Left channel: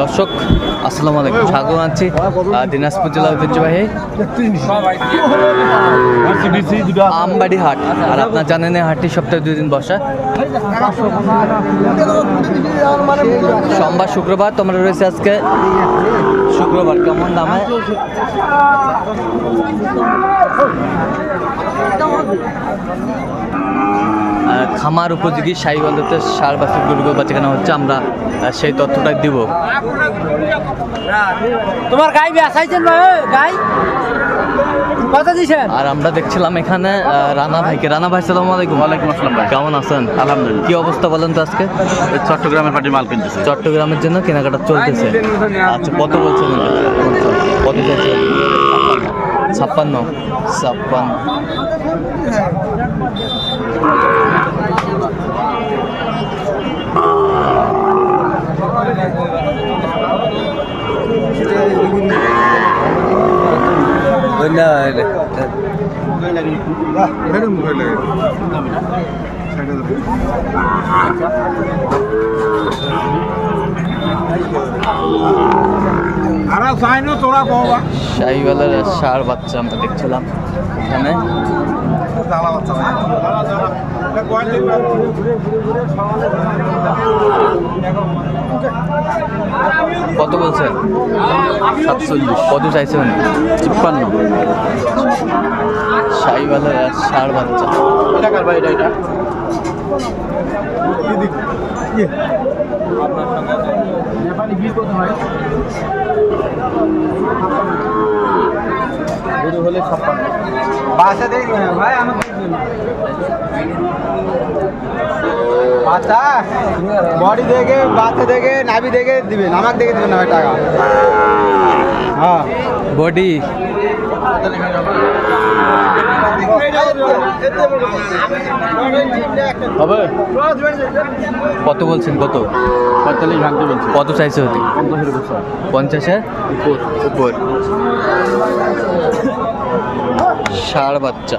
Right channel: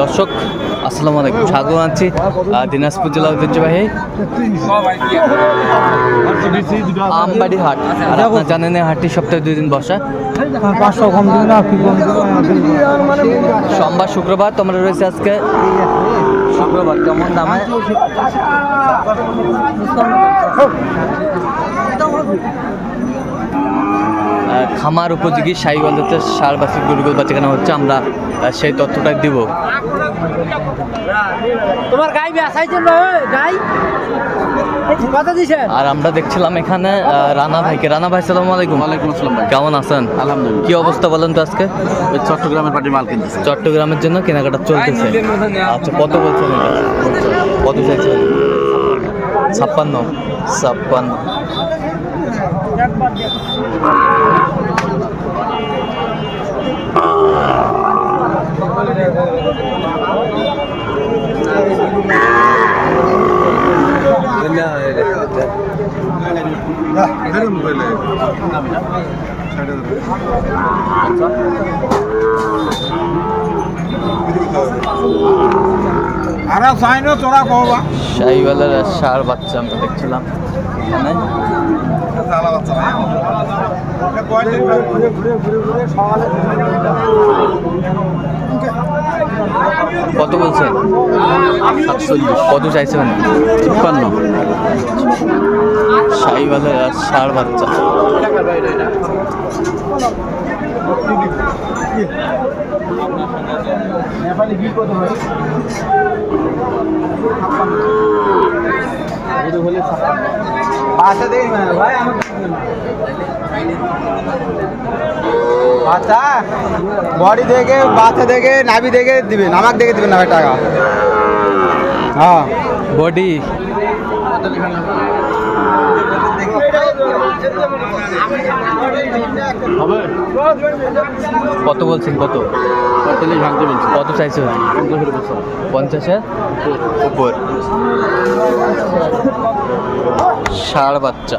দর্শক আসসালামু আলাইকুম, স্বাগত জানাচ্ছি দিনাজপুর জেলা ঐতিহ্যবাহী আমবাড়ি হাট। আর আপনারা জানেন এই হাটটি সপ্তাহে 2 দিন বসা, সোমবার শুক্রবার। তোমরা রয়েছে আজকে শুক্রবার। কেমন দামে খামার উপযোগী সাইওয়ালতে সার বাছুর গরুগুলো বাচ্চাখানা হচ্ছে, আমরা সেই তথ্যটাই দিব। আর আমরা দেখছিলাম এখানে রানা ভাইকে। রানা ভাই সালাম আলাইকুম। ওয়ালাইকুম আসসালাম ভাই, কেমন আছেন? আলহামদুলিল্লাহ। কি অবস্থা বলেন তো আজকে? চট্টগ্রামের পার্টির মাল কিনতেছে। চট্টগ্রামের জন্য কেনাকাটা চলতেছে। আচ্ছা, কত বলছেন এটা? কত চাইছেন? 56। শাহিওয়ালের সার বাচ্চা আমরা দেখছিলাম এখানে। কত বলছেন? 47। কত চাইছেন? 56। শাহিওয়ালের সার বাচ্চা। নেপালি ঘি কত হয়? বাচ্চা দেখবেন ভাই, আমাকে বাচ্চা বডি দেখে, বাচ্চা দেখে, নাভি দেখে দিবেন, আমাকে দেখে দিবেন না টাকা। হ্যাঁ, বডি হবে। কত বলছেন? কত 45 ভাঙতে বলছি। কত চাইছে? 50-এর উপর। ষাঁড় বাচ্চা।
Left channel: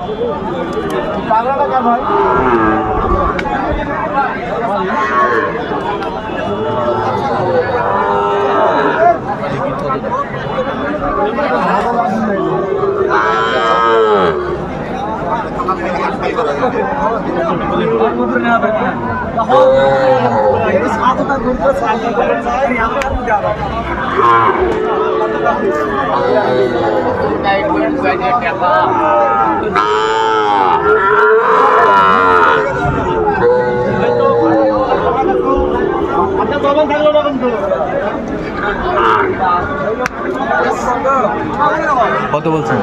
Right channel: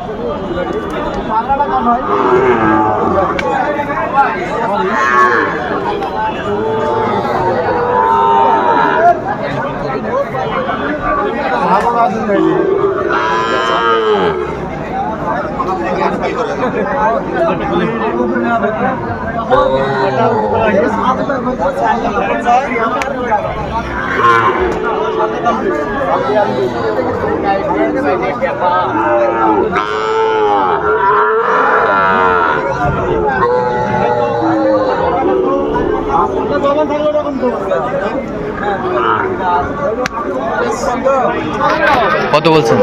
কত বলছেন?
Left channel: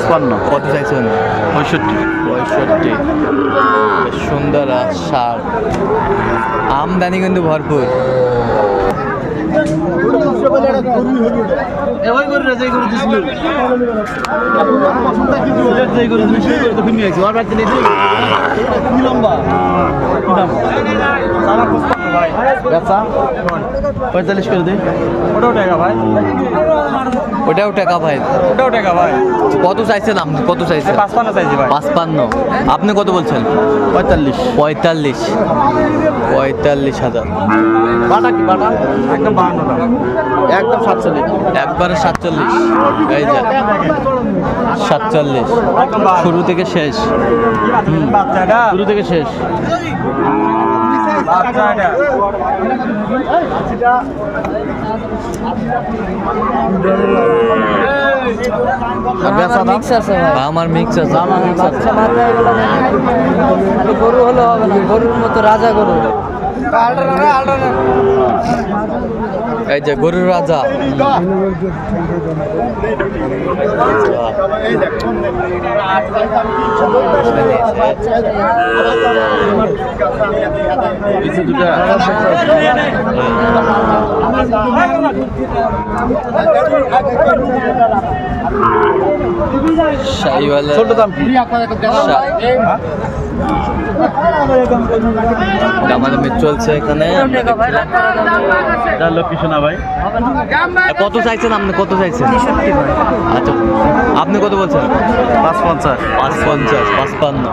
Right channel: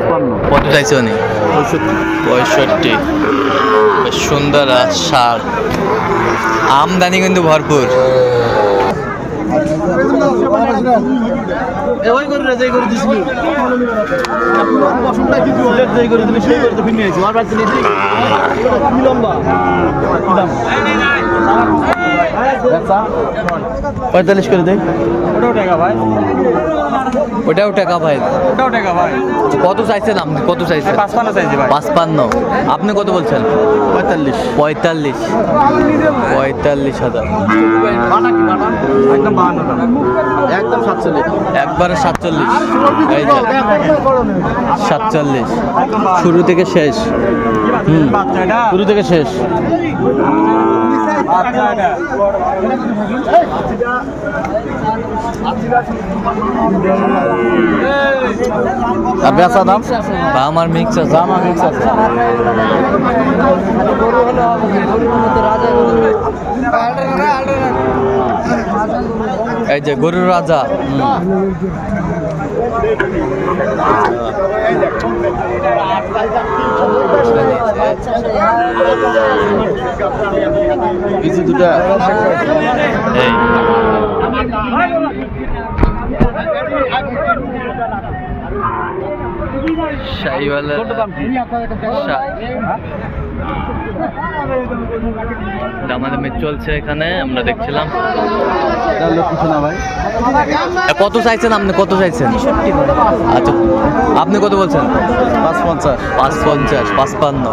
55। কত চাইছে উনি? 65। বেশ সুন্দর সার। আমদানি কিন্তু ভরপুর। ব্যবসা 45 করে দেয়। ওটাও টাকা ভাই, ওটাও টাকা ভাই। ওটাও টাকা ভাই। কত চাইছেন আপনি? কত চাইছেন? 55 চাইছি ভাই। 55। আপনি কত বলছেন? 45। 45,000। একদম 52 একদম 47। একবারে 47। এই যে 47, শুরু থেকে শেষ। শুরু থেকে শেষ। বেচা দাম আমার মিক্স আছে। এই যে গরুর রাজা। শাহিওয়ালের দামাদামি চলছে এখানে, আমরা দেখছিলাম। কত চাইছেন আপনি? কত চাইছেন? আচ্ছা, আপনি কত বলছেন? 550। 55।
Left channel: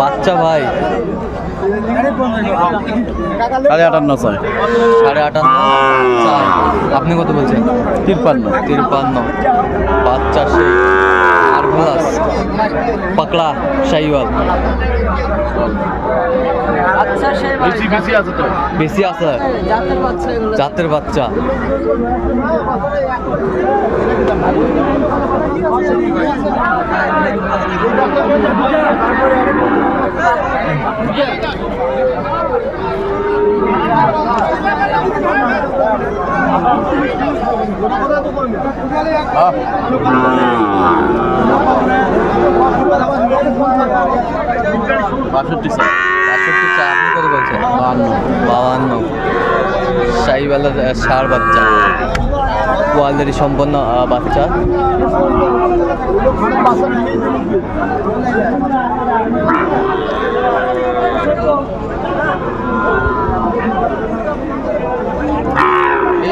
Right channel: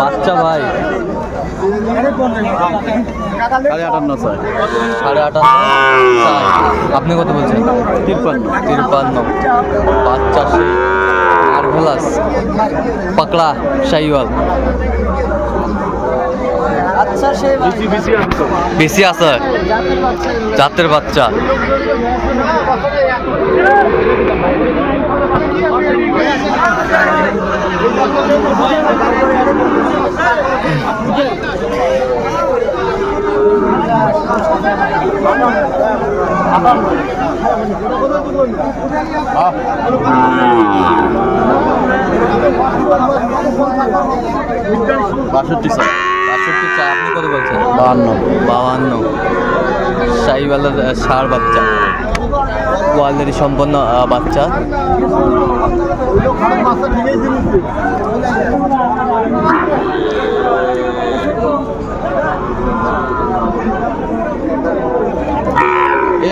বাচ্চা ভাই সাড়ে 58 চাই। 58.5 চাই। আপনি কত বলছেন? 53 বাচ্চা সেই মার্ভেলাস পাকড়া শাহিওয়াল বেশি আছে জাতের বাচ্চা। বাষট্টি চাই। 62 চা। আপনি কত বলছেন? 52। শাহিওয়ালের ষাঁড় বাচ্চা কোয়ালিটি সম্পন্ন বাচ্চা।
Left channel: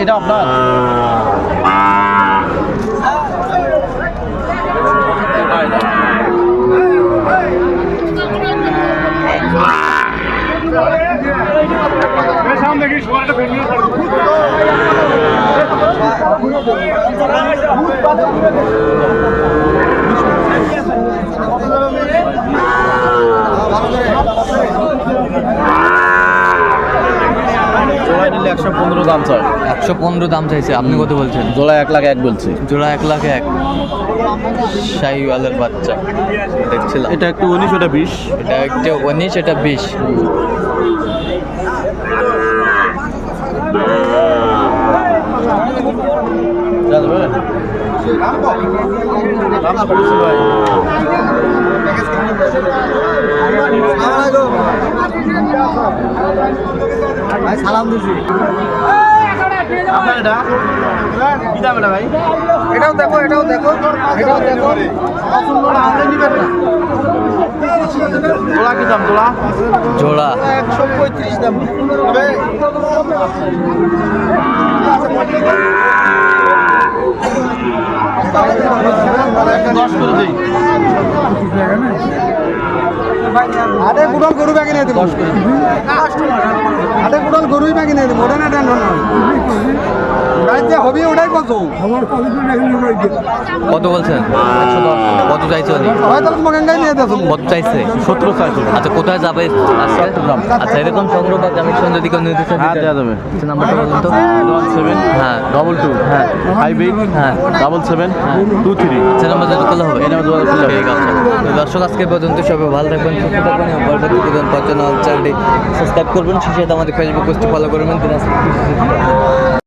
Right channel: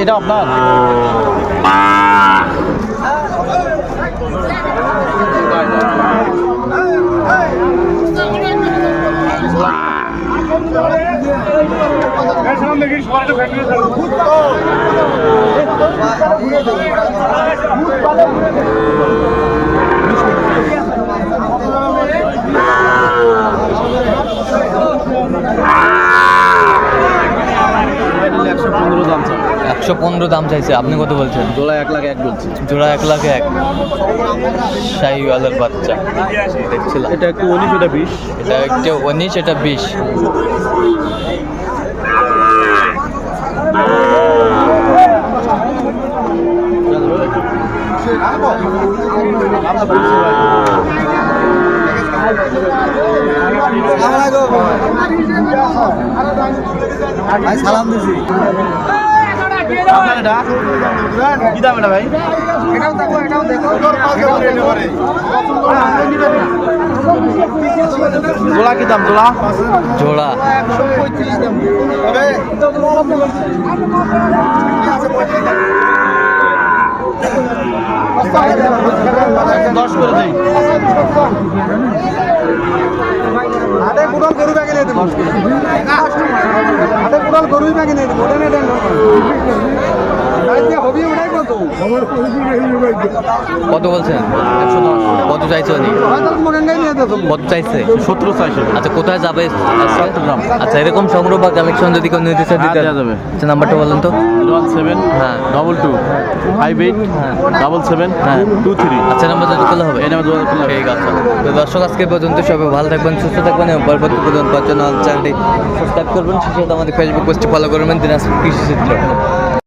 এটা আপনার দাম চাই। 115 দাম চাইছে। আপনি কত বলছেন? জোড়া 1,01,000 বলছি। জোড়া 1,01,000 শাহিওয়ালের বাচ্চা দেখছিলাম। এটা একটু 19, এটা 20। এটা একটা 19, এটা 20। জোড়া কি দাম? জোড়া 135 দাম। 10 করে দিই। আরে কুড়াল গরু ব্যাগে নিয়ে দেবো। আরে কুড়াল গরুই ব্যাগে নিয়ে দেবো। ওটা না দেন হবি ওটাই কত? কত বলছেন? কত চাইছে উনি? কত চাইছে? 17 চাইছে। আচ্ছা কোথায় যাবে আজকে? চট্টগ্রাম। আচ্ছা এরকম সংগ্রহ বা কালেকশন যদি কেউ নিতে চায় হ্যাঁ, দেওয়া যাবে। আচ্ছা নাম্বারটা বলুন তো। 17 হ্যাঁ 22 হ্যাঁ 58 হ্যাঁ 77 হ্যাঁ 23। আচ্ছা নাম্বার যদি করলে হবে। এই নাম্বার যোগাযোগ করলে হবে। ঠিক আছে। তো দর্শক আজকে পর্যন্ত সবাই ভালো থাকবেন, সুস্থ থাকবেন এবং পরবর্তী পর্যন্ত পাওয়ার জন্য চ্যানেলটি সাবস্ক্রাইব করবেন। সেই সাথে আমাদের ফেসবুক পেজটি ফলো করবেন দিনাজপুর কৃষি চিত্র।